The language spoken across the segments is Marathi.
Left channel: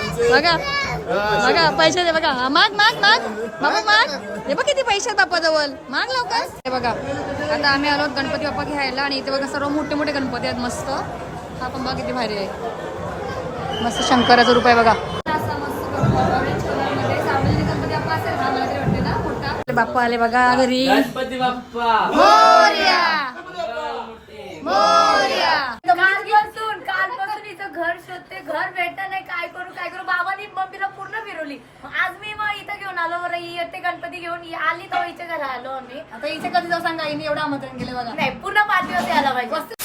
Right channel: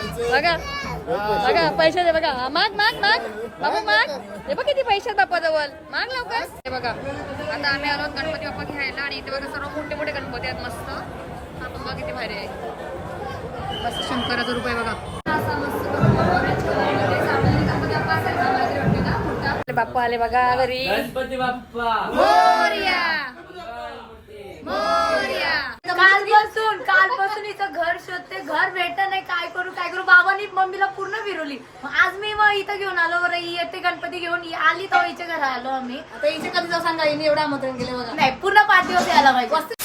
बघा. बघा पैसे दे बघा. माग माग माग. बाबा माग. हे बघ किती पैसे आहेत जवळ माग लवकर. हे बघा. आता आम्ही आलो गणपती बाप्पा घ्यायला आणि इथे बघा सर्व मोठे मोठे गणपती आहेत. मस्त. हा पण बघा किती भारी आहे. मस्त शंकराचा रूप आहे बघा. असा मस्त गणपती बाप्पा असेल. ना मला तरी वाटते ना मोठा. आपले बाप्पा आले बघा घरी. गणपती बाप्पा. मोरया! मोरया! इथं घर शोधते घर भेटत नाही काय करू काय करू? बाबांनी मम्मीला पूर्ण फिरवली. आज मी मग इथं घेऊन आलो बरं ही येते गणपती घेऊन. ही आली तर हिच्या घरा आलो आम्ही. आता इथे कधी जाऊ सांगा हिने एवढं आमंत्रण केले बघा. नाही पूर्ण पाच दिवस यायला पाहिजे.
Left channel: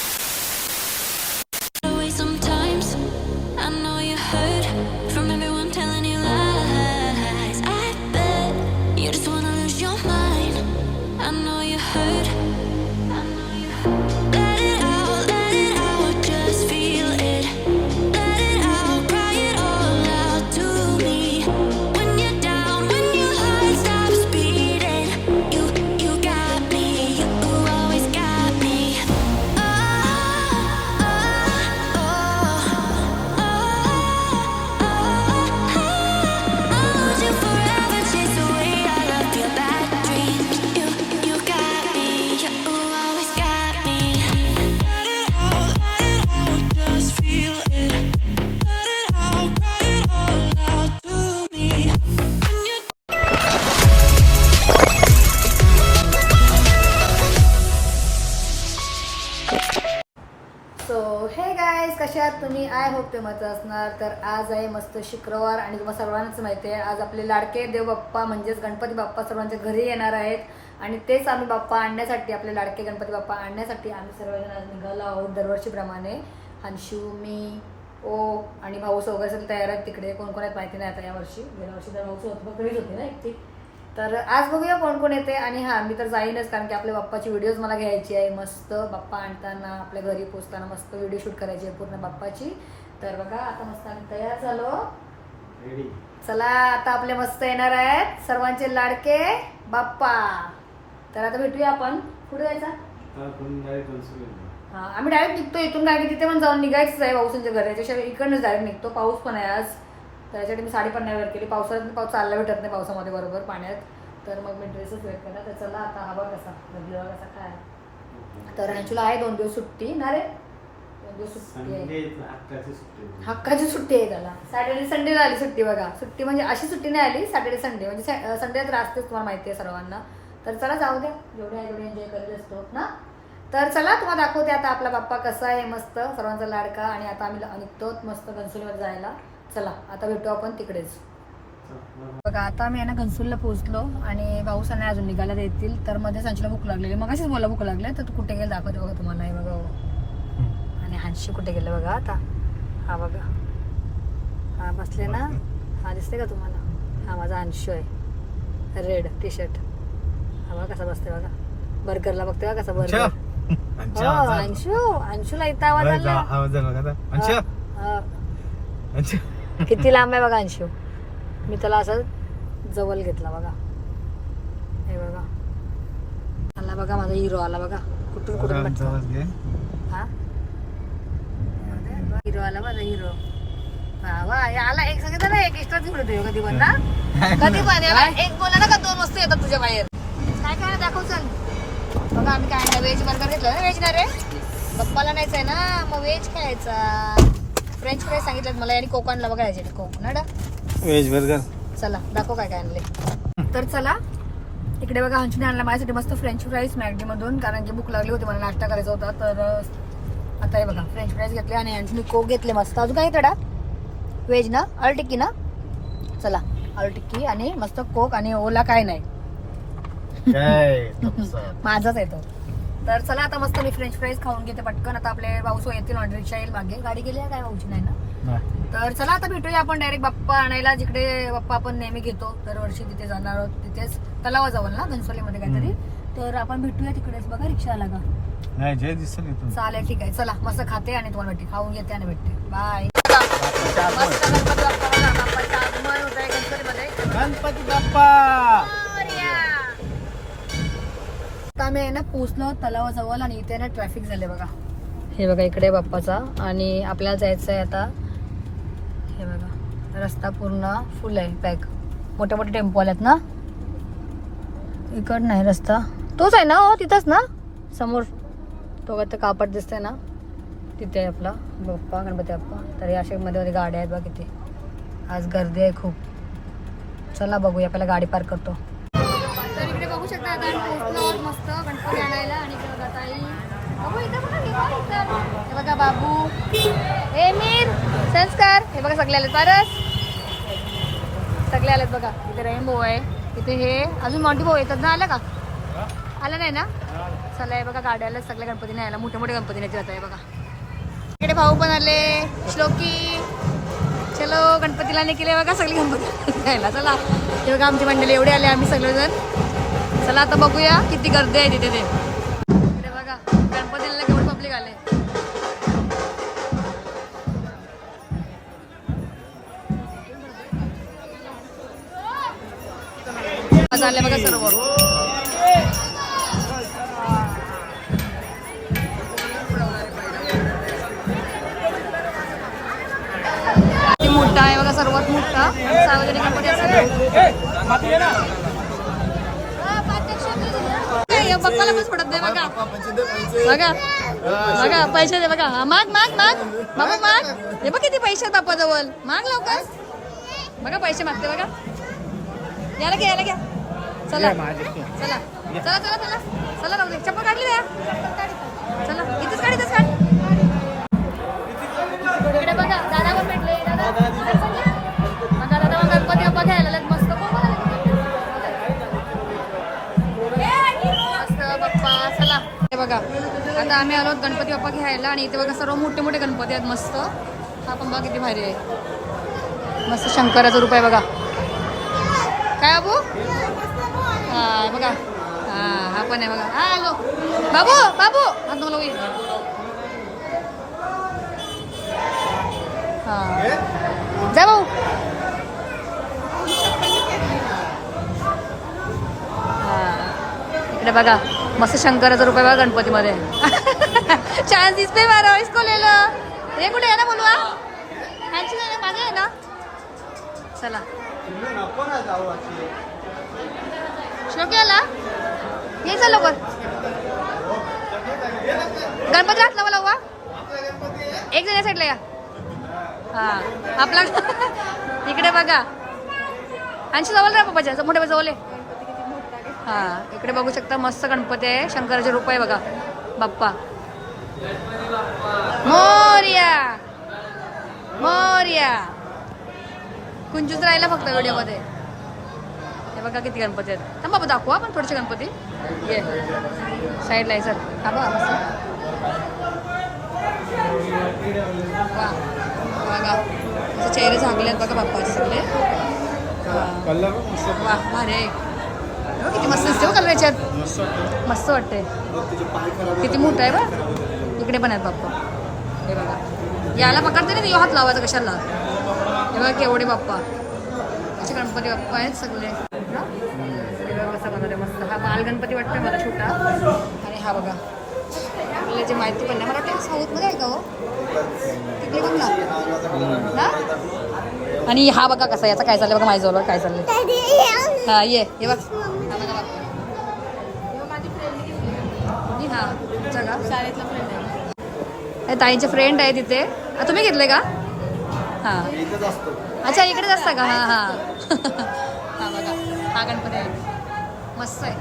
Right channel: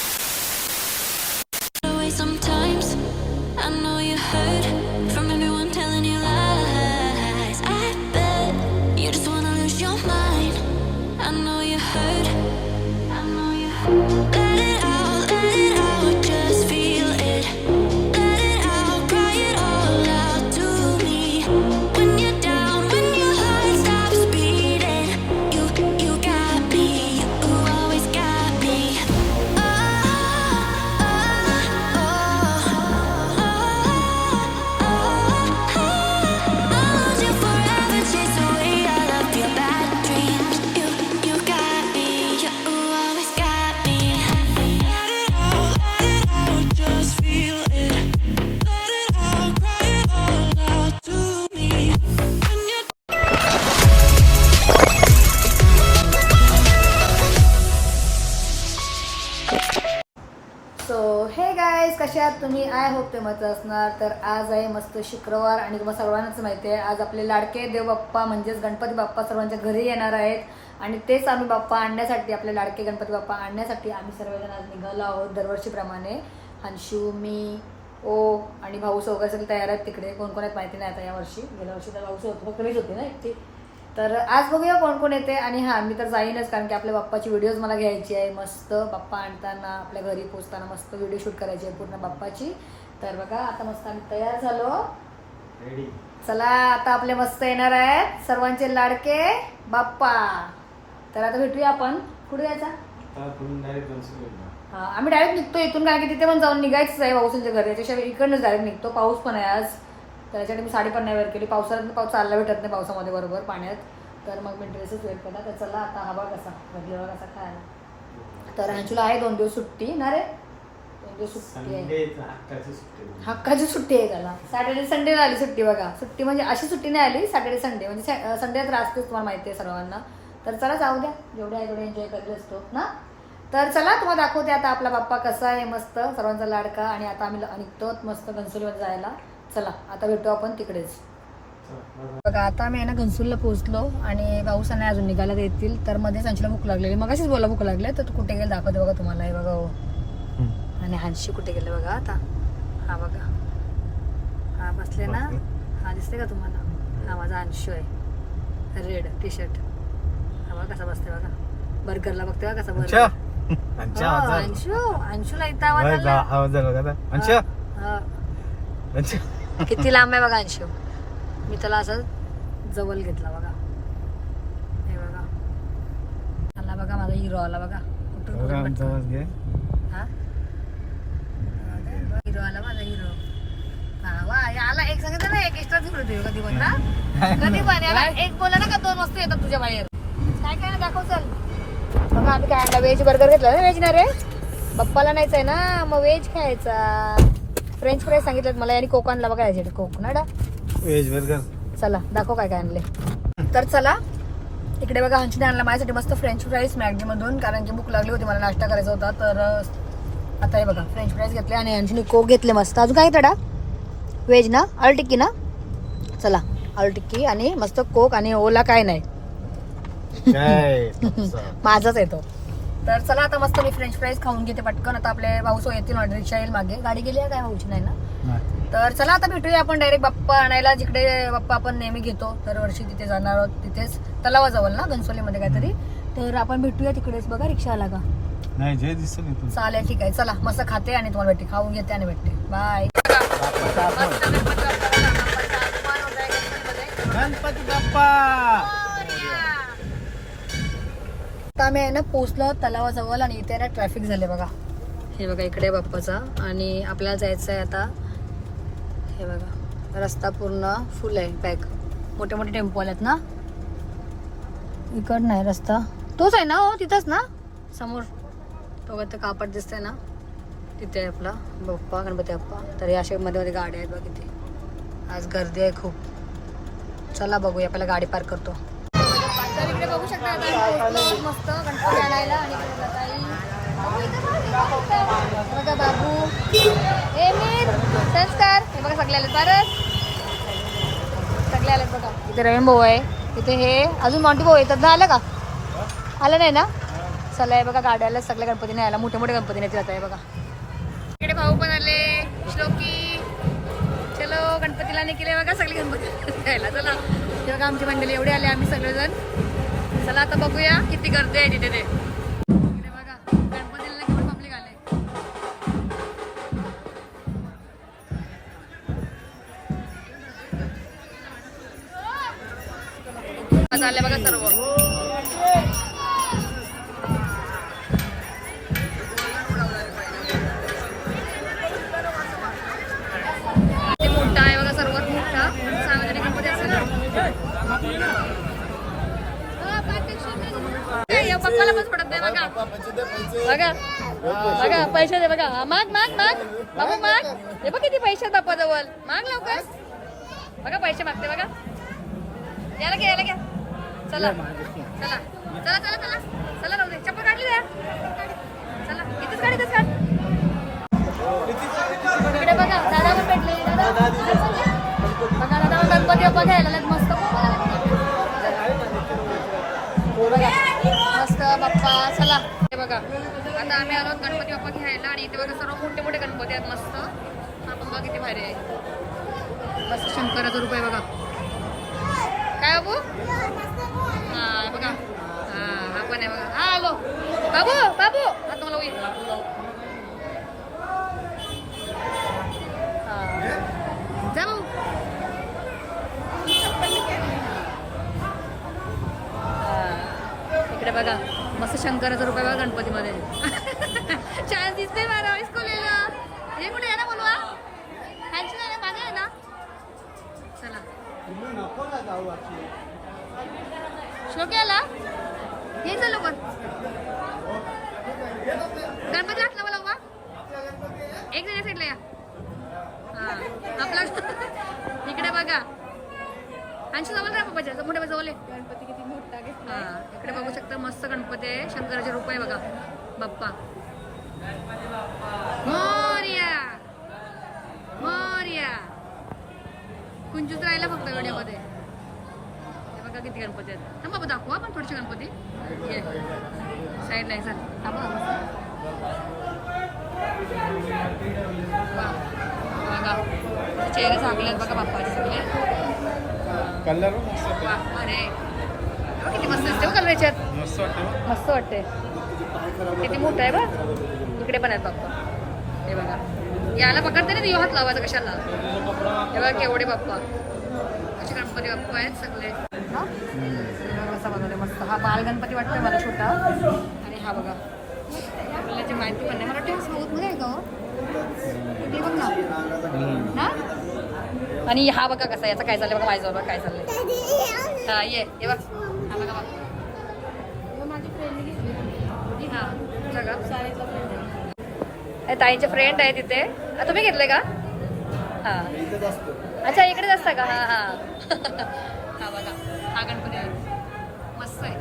तुम्ही आय होप ते मत असणार. तर आज आहे मस्त शुक्रवार आणि तुम्हाला सर्वांनाच माहिती आहे. आज आपले लाडके देव बाप्पा म्हणजेच गणपती बाप्पा सर्वांच्या घरी येणार आहेत. आणि तेच आम्ही बाप्पा आणण्यासाठी आपले लाडके गणपती बाप्पा आणण्यासाठी आम्ही सर्वजण आज निघालो आहोत दरवर्षीप्रमाणे. हंशू मी ओ आणि भाऊस वगैरे सगळे तयार आहेत तिकडे. कोण कोण आहेत माहिती नाही आता यावर्षी गेल्या वर्षी तर भाऊ होतं फक्त मीच होते ना एकटी. तर आज बघूया कोण कोण येते आणि हां मी तर जाईनच कारण की आपल्या बाप्पाची व्हिडिओज मला घ्यायची आहे. मस्त बाप्पा आणताना आपल्या घरी पोचताना मस्त व्हिडिओ शूट करायची आहे पूर्ण बाप्पाची. तर बघा आता मस्त आम्ही तयार झालो. चला आता आपले मस्त येणार आहेत सर्वांचे लाडके बाप्पा. तर आता भेटूया आपण. कुठे जायचा हा आम्ही डायरेक्ट निघतो इथून कारण की तिथे पण जाऊन निघायचंच आहे पावसांच्या घरी. त्याच्याशिवाय इकडनंच डायरेक्ट निघतो. पाऊस पण आहे आज. त्याच्यासाठी मी साडी पण नाही वेअर केली. पावसाळ्यात पाऊस चालला भेटत नाही पावसामध्ये बरोबर पाण्यात. तर मग मी ड्रेसच वेअर केला. तर चला आता हवा कसा हवा कसा खायला तर ह्यांचूला आहे दोन दिवस सुट्टी. ना रे? दोन दिवस सुट्टी आहे. हक्काची सुट्टी आहे. त्याला. सॅटर्डे संडेला आली सुट्टी बघा. सुट्टी म्हणजे अशी सुट्टी नाही आली सॅटर्डे संडे म्हणजे संडे तर असतेच तुम्हाला माहिती आहे सर्वांना. तर चला जाऊ द्या. जेवढे आहे तेवढे एन्जॉय करत असतो. ना? तर चला तुम्हाला दाखवते आता आपला बाप्पा कसा आहे. मस्त. सर्वांचा लाडका. आणि आता आम्ही निघतो मस्त घनसोलीमध्ये जायला. चला आता भेटू आपण तिकडेच. बघा आता आम्ही आहे ना घनसूरला पोहोचलो आणि पाऊस नाही अजून निघायला देतील तर मध्ये संचला भूक लागलेली. मग अशीच बोला भूक लागले तर तू कुठे गेलं दाखवते बघा तुम्हाला हे बघा. हो. आणि हानशी कुठे गेलं बघा आता. हा बघा. हा बसले ना? हा दिसते का तुम्हाला? हा माझा अंशू आहे रेड टी शर्ट हा बघा कसा बसते बघा. बर्गरला बघते बघा कसा बर्गर. हो, अंशू. अंशूला इथं आवाज आला. हा. किती लांब आहे बघा अंशू? मी त्याला असं जवळ घेतला बघा. हे बघा. आला बघा माझा हिरो आला बघा. कुठून कुठून. हा? हिरो आला माझा हिरो हे आला एक सांगितलं ना एक एक्स्ट्रा देऊ कधी पण ना कधी पण एक बोला ना का दोन वस्तू येतात तुझ्या बाहेर. काय काय दाखव चल? बघा आम्ही काय व्हेज बर्गर घेतला ना व्हेज ना रे? पप्पाला नाहीच आहे ना मग व्हेज खायचा. फ्रेंच फ्राईज सांगितलं मला आणि कोक आणला बघा याच्यात कोक ना डा? व्हेज बर्गर चला दाखव काय काय आणले. तर चला इकडे बघा हंचूने आणला माझ्यासाठी मस्त फ्रेंच फ्राईज मॅगडीमधून कारण की भूक लागली होती मला नाश्ता करायचा होता तर आता हे बघा फ्रेंच फ्राईज घेतले आणि हंचूने कोक घेतले मस्त. अजून काय तडा? व्हेज ना? अल टिक्की ना? चला अल टिक्की आणि मस्त कोक आणि ओला काय नाही. माझाच येतो तर चला आता मस्त मी फ्रेंच फ्राईज खाऊन घेते पटकन आता आपले भाऊ येतील ऑर्डर रिक्षा येईल मागे गाडी गेली आहे काय भाऊची नाही ना तर चला आता भेटूया आपण डायरेक्ट बाप्पा आणायला जिकडे बाप्पा आपण नेहमी घेतो दरवर्षी तिथे जाणार आहोत तिथेच तलावाजवळ ना घनसोलीमध्ये काहीतरी तर आपण भेटूया तिकडेच बघा रिक्षाला का नाही जय दिसेल चालेल ठीक आहे चला मस्त खाते आणि तुम्हाला भेटते खाऊन घेते आणि भेटते बाय गणपती बाप्पा आता आम्ही आहे ना पोचलो तलावाजवळ आणि इथे ना ट्रॅफिक झाले बघा. हे बघा इकडे बाप्पाचा. आणि आपल्याला जायचं आहे आता हे बघा रस्ता पूर्ण फुल आहे पॅक मोठे मोठे टेम्पो आलेत ना? इकड नाही रस्ता. तोच आहे ना हो तिथंच ना? समोर. तो ते कापड दिसतंय ना? तिथे आहे आपला बाप्पा गणपती बाप्पा. तर या अशा मध्ये मध्ये गाड्या आहेत बघ इथे आज गर्दी आहे खूप. चला बघूया आपल्याला गाडी पार्क करतो. तर इकडे बघू शकता आता आम्ही पोहोचलो आहोत मस्त गणपती आणायला आणि इकडे बघा ताई. बघू इथं बघा मी बघा इथं. हे बघा बाबू. हे मीर. संस्कार हे बघा सगळे आले परत सगळे आले बघा. इथे रवीन भाऊ आहे. इथे हे. अजून मॉन्टी भाऊ येतात ना? आलं का? आलं नाही ना? चला हे बघा गाड्याला सगळ्या गणपतीने आला मोठे मोठे गणपतीने जात आहे बघा. इकडे भाऊ पण आले. श्लोकी. चलो गणपतीला निघले बघा सगळे गणपती. चला. हे बघा आमची मंडळी एवढे आले. आम्ही सगळेजण. चला आता बघूया किती गर्दी आहे तिथे ते. इकडे बघा गणपतीला केवढे पब्लिक आले. आले बघा सर्व. मोठा आहे बघा सर्वात मोठा. सार्वजनिक पप्पाला पण पडत नाही बघा. बघा. बघा पैसे दे बघा. माग माग माग. बाबा माग. हे बघ किती पैसे आहेत जवळ माग लवकर. बघा पैसे मागते बघा. याला घ्या याला घ्या. चला. चला. चला चला चला. चला नवले चप्पल काढली या चला. इथेच काढ इथेच काढ इकडे बघा दादा पण भेटले. दादा. बघा दादा मग गणपती बाप्पा आता आम्ही आलो गणपती बाप्पा घ्यायला आणि इथे बघा सर्व मोठे मोठे गणपती आहेत मस्त. हा पण बघा किती भारी आहे. मस्त शंकराचं रूप आहे बघा. काय बाबू? हा बघा. हा हा पण आहे बघा. हा आलो. बाबू बाबू. हा दोन लोक जा भाऊ. बघा. मस्त शंकराचा रुपये बघा गणपतीमध्ये. चान्स दिसते बारा इसकोलेलं हे कुठे आहे ना बोलवा ह्यांची नाही ना, मागे आहे ना? चला. श्लोकी आला ये चल लवकर. गणपती हात लावा लावा. एक जण या साईडला या. हा आपला इकडे बघा. आणखी जवळ राहा पप्पाच्या. मोठ्या जवळ आहे. हा इकडे बघू शकता मस्त गणपती आहे. शंकराचे रूप आहे बघा. बाप्पा. मोर्या. मोर्या. कुंजूच राहिला फक्त व्हिडिओमध्ये. हे बघा किती गणपती आहेत. थांब बाबा दाखवा पण थोडेसे गणपती. ये. साईडला आहे सर बघा मस्त. बघा. चेहरे झाकले आहेत बघा बाप्पाचे सगळे. कलर वा अरे किती मस्त दिसते बघा त्याच्यात मस्त वाटते. किती मोठं आहे? इकडे पण आहेत बाप्पा. हे बघा. याला पकडते ना हात लावायचा कशाला? हे बघा केवढे बाप्पा. असे गणपती बाप्पा आहेत सगळे. कसा बनवले मस्त. हा बाल गणपती वाटतोय मला छोटा. आणि हा बघा. आपल्याला जे माहिती पण नाही. मला वाटतं साऊथमध्ये आहे का हो? तिकडे बघ ना. ना आणि हा बघा कसा याचा काय चाललंय? बघा माझ्या जवळ काय चाललंय. हा ये ये बघ. हा बघा हा ताईंचे फ्रेंड आहे तिथे आ, तुम्ही घेतले का? हां. इथंच असतो. अच्छा इकडेच असता का? हां हां. हा बघा. हा गणपती आहे. मस्त आहे.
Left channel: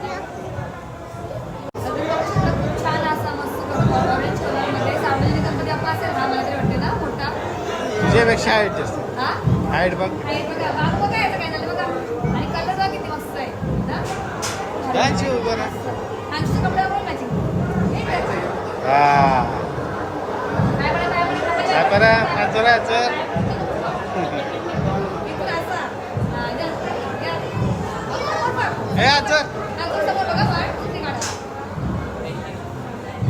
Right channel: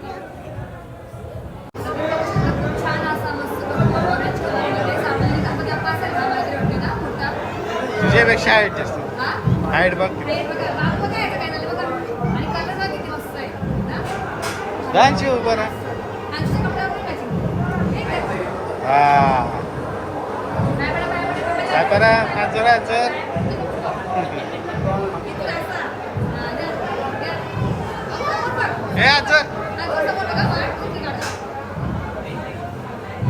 खूप छान असा मस्त बघा ऑरेंज कलरमध्ये सार्वजनिक गणपती बाप्पा असेल हा मला तरी वाटते ना मोठा. हा? हाईट बघ. डान्सची उभं ना हे करा? आजर आजर असा हा, आजर.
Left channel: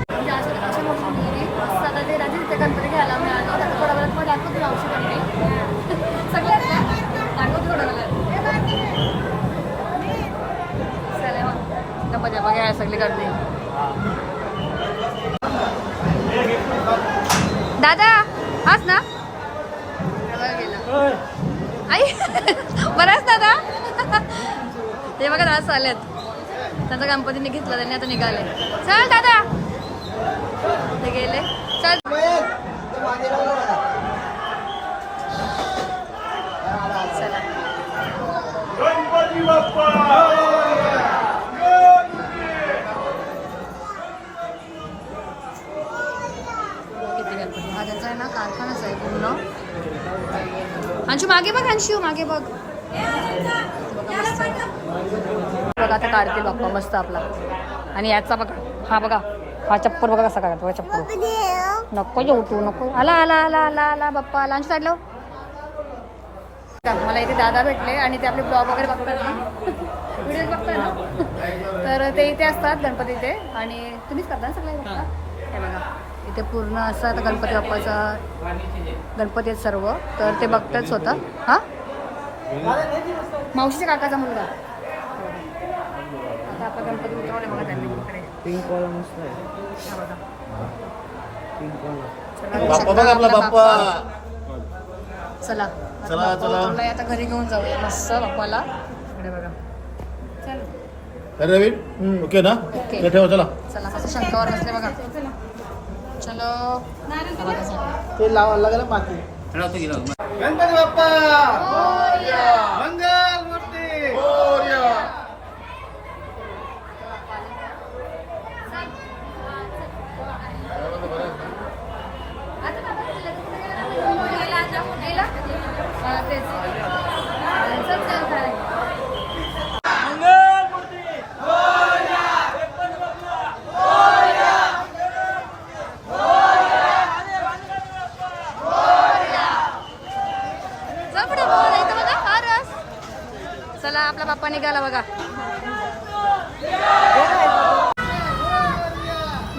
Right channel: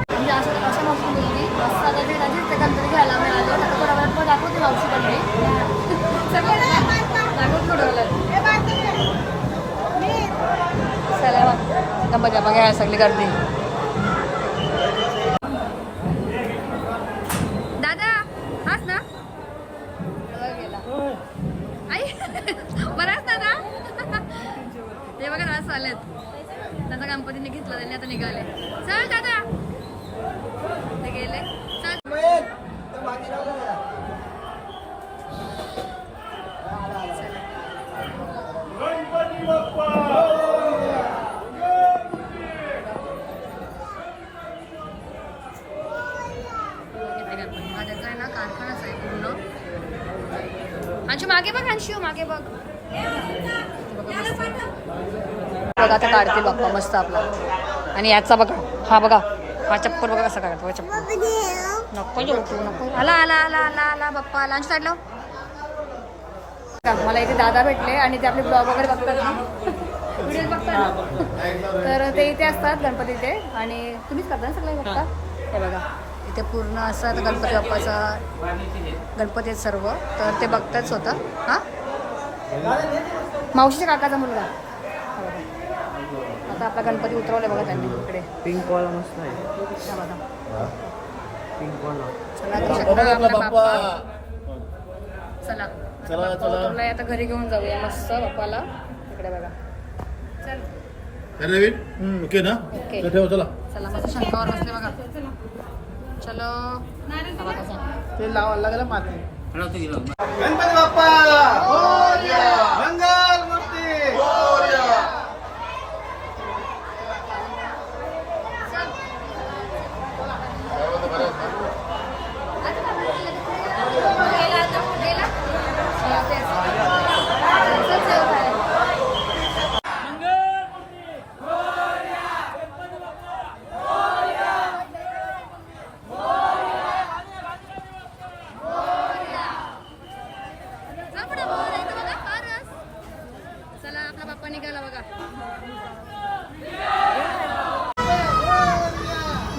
म्हणजे अशा मस्त मुलगी मस्त आता ते राजी ते गणपती घ्यायला मी आलो आता थोड्या वेळात मग दाखवते मावशी पण चला मग गणपती बाबा सगळी गर्दी दादा हाच ना? गेला आई बराच दादा? ते बघा दादा चालत त्यांचा गणपतीने घेतला त्यांनी आता निघाले. चल दादा. ते गेले. चल किती गणपती हा त्यांचा आहे ना कारखानाच आहे पूर्ण अंशू मागे बघ अंशू मागे बघ. बघा आता काढतील बाप्पा मस्त आपला. आणि याचा बघा हा बघा हा चप्पल बघा कसा काढतो बघा चप्पल. नको येऊ तू नको. आला आला आला आला आला बाप्पा आला. अंशू काढलं का, हो. मला इथे दादा भेटले आणि ते आपले ब्लॉग वगैरे बघतात ना. व्हिडिओ बघतात ना. तर ते इथे असतात गणपती इथे आणि तुम्हीच करता ना सगळे बघता? हे बघा. इथे पूर्ण असं आता गणपती बाप्पाचा गणपती आहेत सर्व. तर ते बघतात स्वतः. हा? मावशीच्या काकाचा मुलगा. हा बघा. आता आपला गणपती उतरवले बघा त्यांनी इकडे. पिंक वाला मस्त आहे. हा बघा. पिंक वाला चला बाप्पा. चला आता घरी घेऊन जाऊया. मस्त बाप्पाला. इकडे बघा. चल. रवी ओके ना. ठेव चला. चला मस्त शंकावर बसले बघा. चलो। हा. ते लावा लागेल पाठी गणपती बाप्पा! मंगल मूर्ती गेला? हा, तेच. चल, चल, चल. चल पुढे बोल, इथं बघा, हा रस. चला आपला बाप्पा निघाला बघा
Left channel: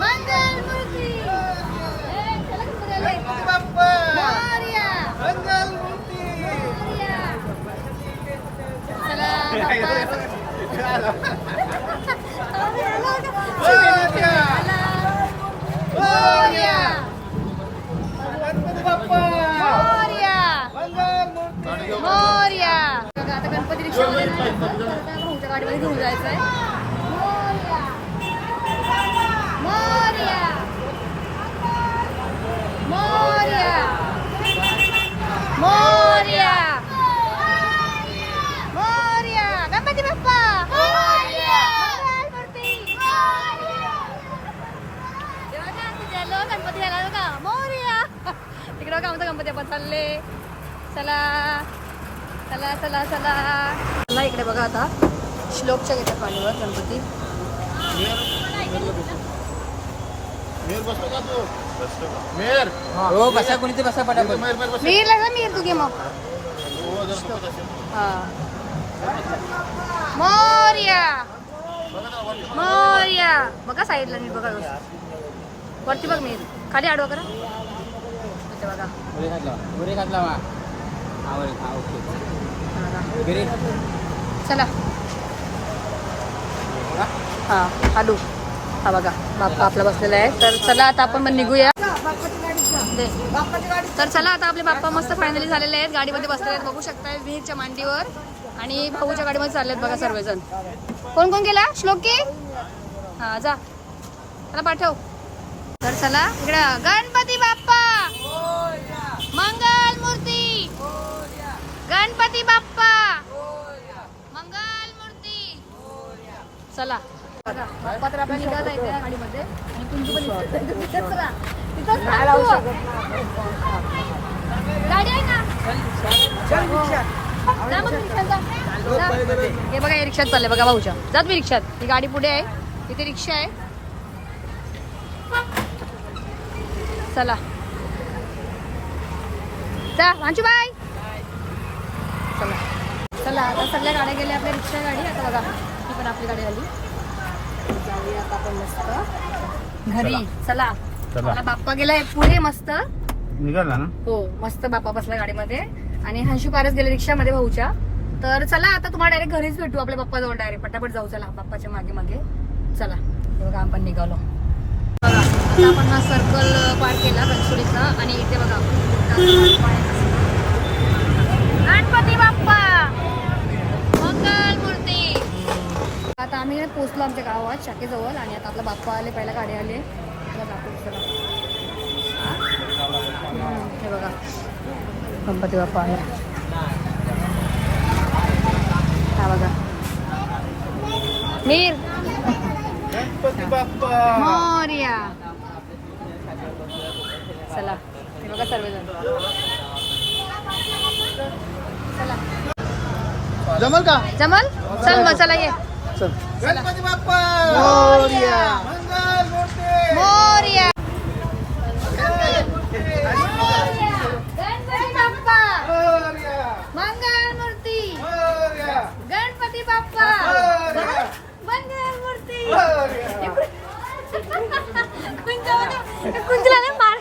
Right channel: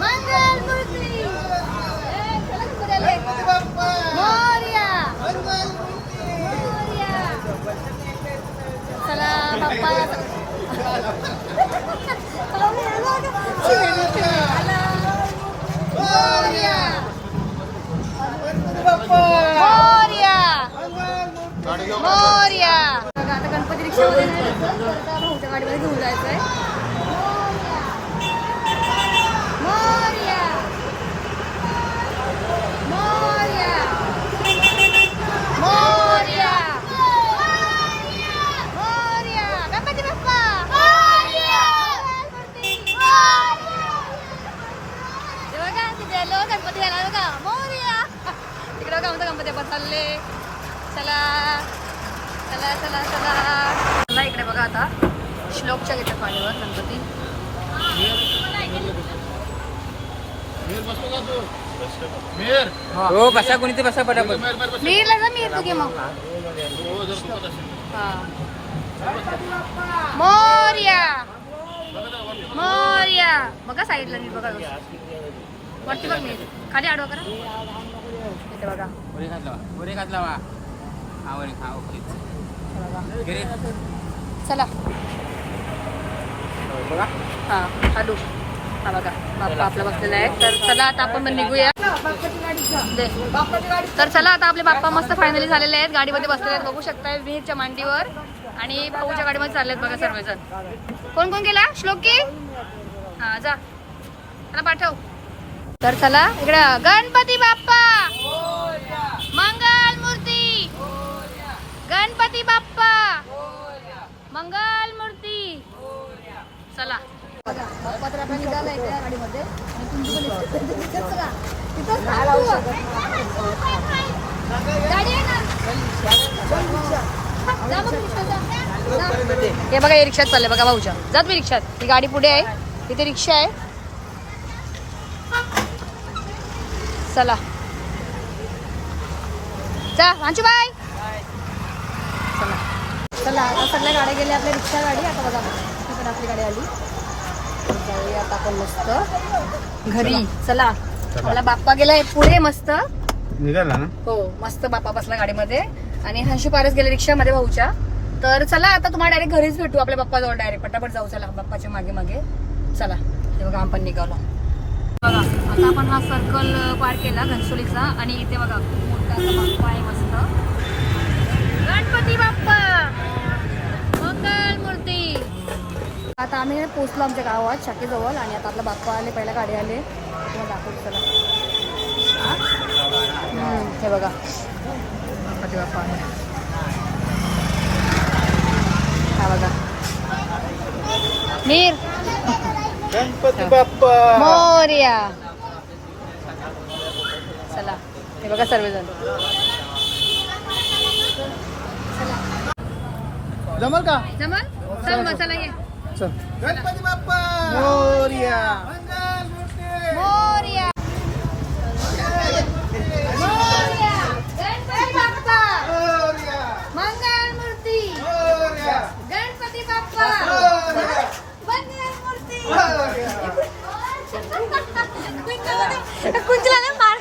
मंगल मूर्ती ए, चला गणपती आले. मोरया. मोरया. चला बाप्पा आला, आला का? शिवे, शिवे, आला. मोरया. मोरया. मोरया बघा रिक्षा रिक्षामध्ये नाही तर भाऊच्या गाडीमध्ये घेऊन जायचं आहे मोरया. मोरया. मोरया. मोरया. मोरया. गणपती बाप्पा बघा, तुझ्या गणपती बघा आमचा गणपती आपण चालले. चला. चला चला चला. चला इकडे बघा आता. श्लोकच्या घेतात पाणीवर गणपती. मेर हो बसा कोणी ते? बसा पटापट. मीर लगा मीर तू घे मग. हो. हा. मोर्या. मोर्या. बघा साईडला नीट बघा. वरती बघ मीर खाली आडवा करा. इथे बघा. घातला मा हा हा ओके. हा चला. हा हा बघा बाप्पा आपला बसलेला आहे. तर चला आता आपण मग निघूया. तर चला आता आपले बाप्पा मस्त फायनली झालेले आहेत. गाडीमध्ये बसलेले आहेत. बघू शकताय विहीरच्या मांडीवर. आणि भाऊच्या गाडीमध्ये चाललेत बघा सर्वजण. कोण कोण गेला? श्लोकी? हा जा. चला पाठव. तर चला इकडे गणपती बाप्पा. मंग गणपती बाप्पा! मंगल मूर्ती चला. बाप्पा तर आपला निघाला आहे त्या गाडीमध्ये. आणि तुमची पण इथं- तिथंच बघा. तिथंच थांब तू. गाडी आहे ना? जा मग रिक्षात जा. जा. हे बघा हे रिक्षात चाललंय. बघा भाऊच्या जात मी रिक्षात. ही गाडी पुढे आहे. तिथे रिक्षा आहे. चला. जा वांचू बाय चला. चला आता सगळ्या गाड्या गेल्या आपल्या रिक्षा गाडी. आता बघा ही पण आपली गाडी आली. जाऊया आता आपण मस्त. घरी. चला. मला बाप्पा गेलाय पुढे मस्त. निघाला ना? हो मस्त बाप्पा बसला गाडीमध्ये. आणि हंशू पारच गेले रिक्षामध्ये भाऊच्या. तर चला आता तुम्हाला डायरेक्ट घरीच भेटू. आपल्या बाप्पाजवळ डायरेक्ट पटापट जाऊ चला बाप्पाच्या मागे मागे. चला. हे बघा आपण निघालो. बघा आता आपण हा सर्कल पार केला घनसोलीचा. आणि इथे बघा आता आम्ही पोचलो आमच्या गावात शाखेजवळ आणि आता आपला बाप्पा आले पहिला गाडी आले. तुम्हाला दाखवू चला. हे? बघा. गणपती बाप्पा आला. हा बघा. मीर! मोर्या! चला. हे बघा सर्वजण. जमल का? जमल? चल मग चला ये. चल. गणपती बाप्पा! मोरया. मंगल मूर्ती! मोर्या. गणपती बाप्पा. मोरया. मंगल मूर्ती. मोरया. गणपती बाप्पा. मोरया. मंगल मूर्ती. मोरया. कुंजला मार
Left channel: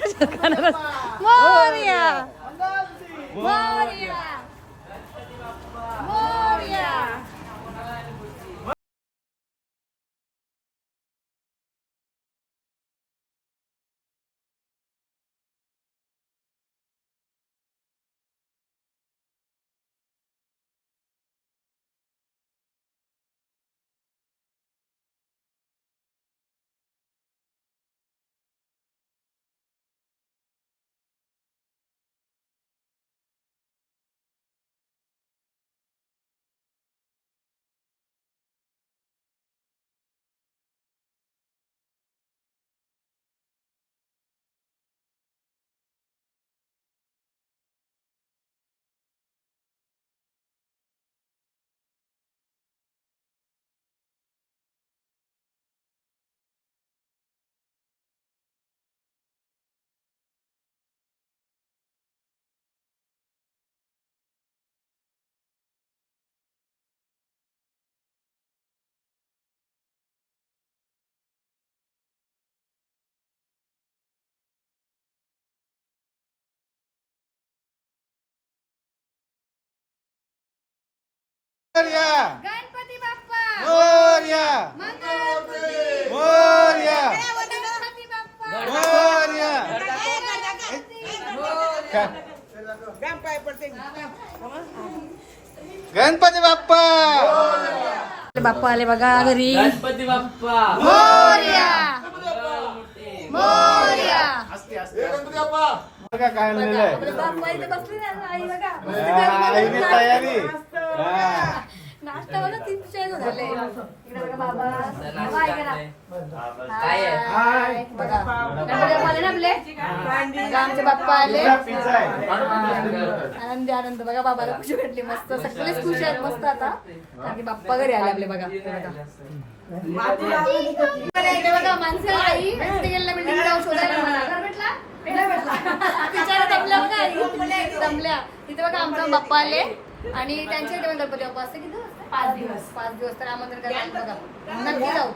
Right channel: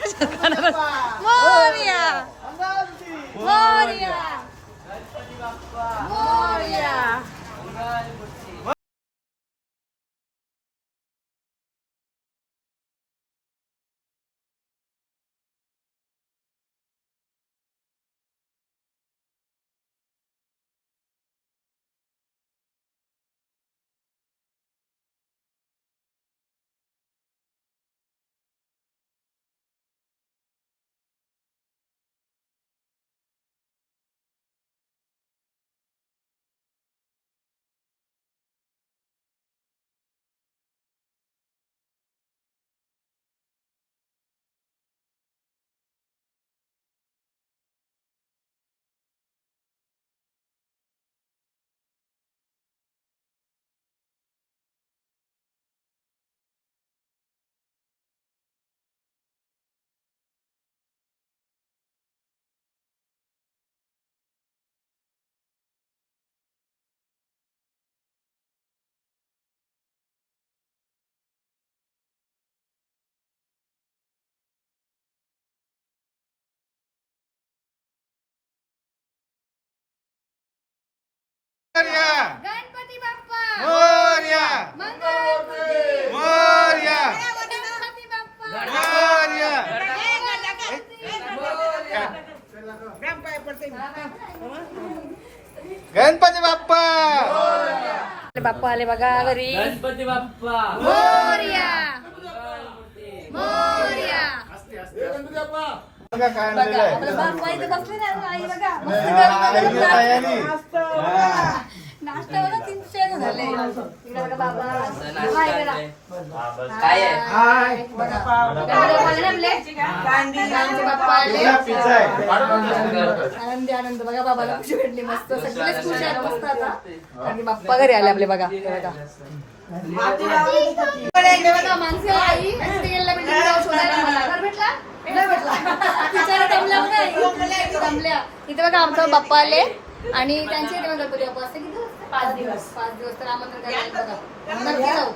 गणपती बाप्पा मोरया. मंगल मूर्ती मोरया. गणपती बाप्पा मोरया. गणपती बाप्पा बाप्पा आले बघा घरी गणपती बाप्पा मोर्या मोर्या बघा काय बघा लिहिलंय. आपले बाप्पा इथे बसले ना आई बघा काय आहे? आमचे बाप्पा आले. हा पिझ्झा आहे. आनंदी आनंद. बघा बाबाला खुशी भेटली मस्त. सगळेच खुश आहेत मस्त आता. कारण की बाप्पा घरी आले आपले बघा. हे बघा. बघा माणसे आई. तिथे गेलेला बिल्डिंग जाऊ शोधायला मला. घर भेटला? दमल्या बघा आई दमल्या इथे बघा आमचा बाप्पा आले. आणि त्यांच्या इथे गणपती बाप्पा असते. किती? पाच दिवस. पाच दिवस तर आमंत्रण करायला बघा. नक्की जाऊ.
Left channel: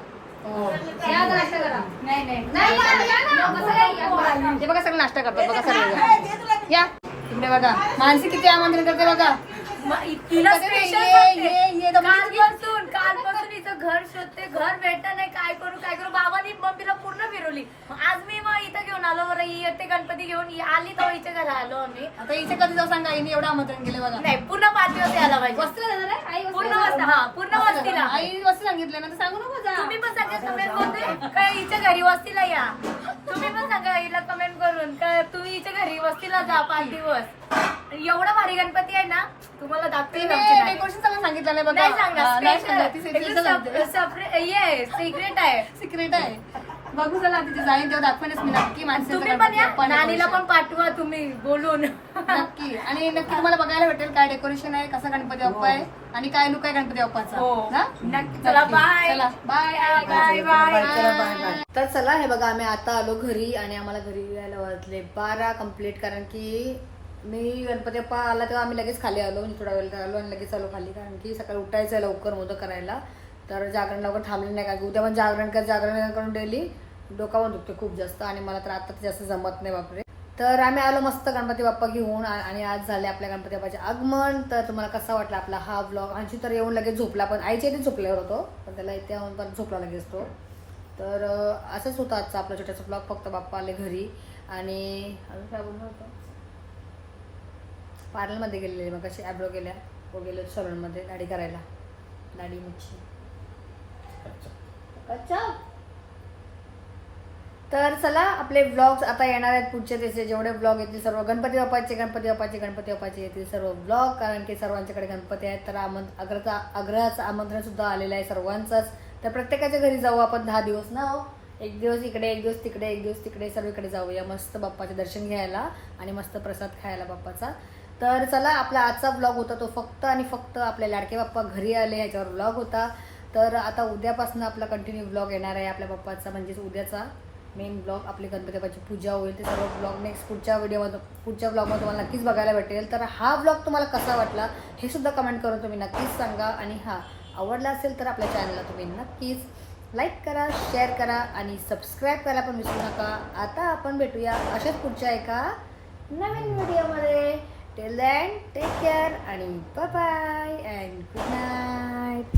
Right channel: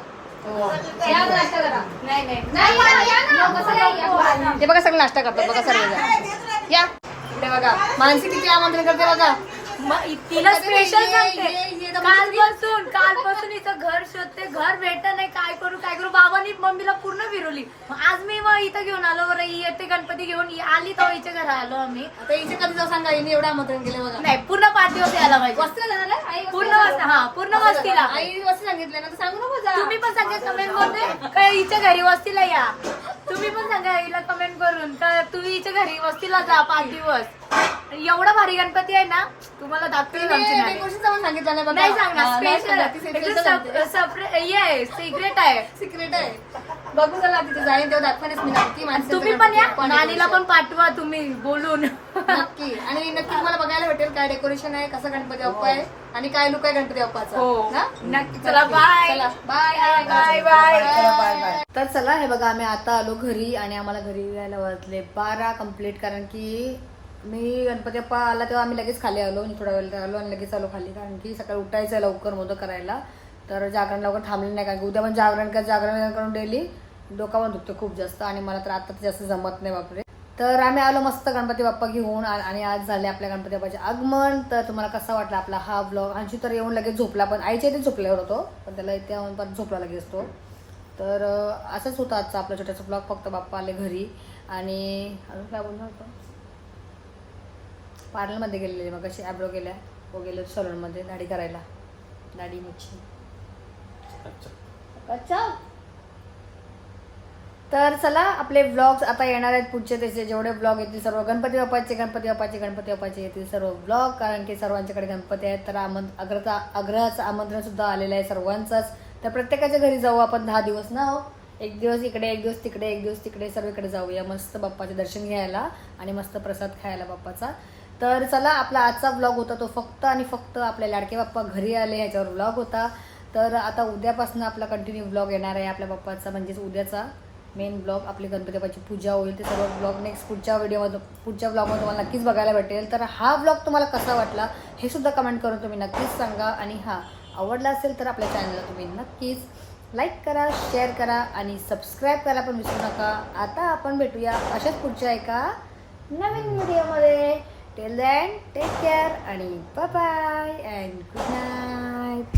हो. या आता नाश्ता करा. नाही नाही. नाही या, या ना. बसा, या, या. ते बघा सगळं नाश्ता करतात. बघा सर्वजण. या. इकडे बघा. माणसे किती आमंत्रण करते बघा. तिला स्पेशल. कालपासून कालपासून इथं घर शोधते घर भेटत नाही काय करू काय करू? बाबांनी मम्मीला पूर्ण फिरवली. आज मी मग इथं घेऊन आलो बरं येते गणपती घेऊन. आली तर हिच्या घरा आलो आम्ही. आता इथे कधी जाऊ सांगा हिने एवढं आमंत्रण केले बघा. नाही पूर्ण पाच दिवस यायला पाहिजे? आई पूर्ण हा, पूर्ण वस्तीला. आई वस्ती सांगितलं ना तर सांगू नको जा तुम्ही पण सांगितलं कमेंटमध्ये काय हिच्या घरी वस्तीला या. तुम्ही पण सांगा हिला कमेंट करून. तर तुम्ही हिच्या घरी वस्तीला जा पाच दिवस. एवढा भारी गणपती आहे ना तुम्हाला दाखवते डेकोरेशनचं पण सांगितलं नाही बघा नाही हा, नाही सांगणार ती सांगणार सांगते. सिक्रेट आहे सिक्रेट आहे बघू चला तिथे जाईन तेव्हा दाखवणच मी नक्की तुम्ही पण या नानीला. पण पाठवा तुम्ही बोलून नक्की आणि नक्की तुम्हाला बघायला भेटेल काय डेकोरेशन आहे कसं गणपती बाप्पा आहे आणि काय लुक आहे गणपती बाप्पाचा हो. ना? नक्की. चला, bye. चला बाय Bye, bye. तर चला हे बघा आम्ही आता आलो घरी आणि आम्हाला घरी यायला वाजले बारा कंप्लीट कारण की मी गणपती बाप्पा आला तेव्हा आम्ही लगेच खाली आलो म्हणजे थोडा वेळ आलो आणि लगेच आलो खाली. कारण की सकाळी उठायचं आहे लवकर मोदक करायला. तर जागरण लवकर थांबले नाही कारण की उद्या पण जागरण कर जागरण करून डेली डोका पण दुखतो खूप जास्त आणि मला तर आता तर जास्त जमत नाही बापरे. तर आम्ही आलो मस्त गणपती बाप्पा घेऊन आ- आणि आज झाले आपल्या गणपती बाप्पाचे आगमन. तर तुम्हाला कसा वाटला आपला हा ब्लॉग अंशी तर येऊन लगेच झोपला पण आईच्या इथे झोपल्यावर होतो. पण त्याला इथे येऊन पण झोपला लगेच तो. तर असंच होतं आजचा आपला छोटासा ब्लॉग फक्त बाप्पा आले घरी. आणि अजून काय बोलणार होतं? पार्लरमध्ये गेलेले मग कशी ॲब्रो केल्या हो गेलो सलूनमध्ये दाढी करायला. दाढी मुच्छी. अच्छा. तर चला आपले ब्लॉग्स आता येणार आहेत पुढचे त्याचे. जेवढे ब्लॉग येतील सर्व गणपती बाप्पाचे गणपती बाप्पाचे गणपती बाप्पाचे येतील सर्व ब्लॉग कारण की सर्वांच्याकडे गणपती आहेत. तर आमंत्र आग्रहाचा आग्रहाचं आमंत्रण सुद्धा आलेलं आहे सर्वांचंच. तर प्रत्येकाच्या घरी जाऊ आपण दहा दिवस ना हो? एक दिवस इकडे एक दिवस तिकडे एक दिवस तिकडे सर्वीकडे जाऊया. मस्त बाप्पाचे दर्शन घ्यायला आणि मस्त प्रसाद खायला बाप्पाचा. तर चला आपला आजचा ब्लॉग होता तो फक्त आणि फक्त आपले लाडके बाप्पा घरी आले ह्याच्यावर ब्लॉग होता. तर आता उद्यापासून आपला कंटिन्यू ब्लॉग येणार आहे आपल्या बाप्पाचा म्हणजेच उद्याचा मेन ब्लॉग आपली गणपती बाप्पाची पूजा होईल. ते सर्व ब्लॉग नेक्स्ट पुढच्या व्हिडिओमध्ये पुढच्या ब्लॉगमध्ये तुम्हाला नक्कीच बघायला भेटेल. तर हा ब्लॉग तुम्हाला कसा वाटला हे सुद्धा कमेंट करून तुम्ही नक्कीच सांगा. आणि हा आवडला असेल तर आपल्या चॅनलला तुम्ही नक्कीच लाईक करा शेअर करा आणि सबस्क्राईब करायला पण विसरू नका. आता आपण भेटूया अशाच पुढच्या एका नवीन व्हिडिओमध्ये टेल दॅन टेक केअर आणि bye bye and good night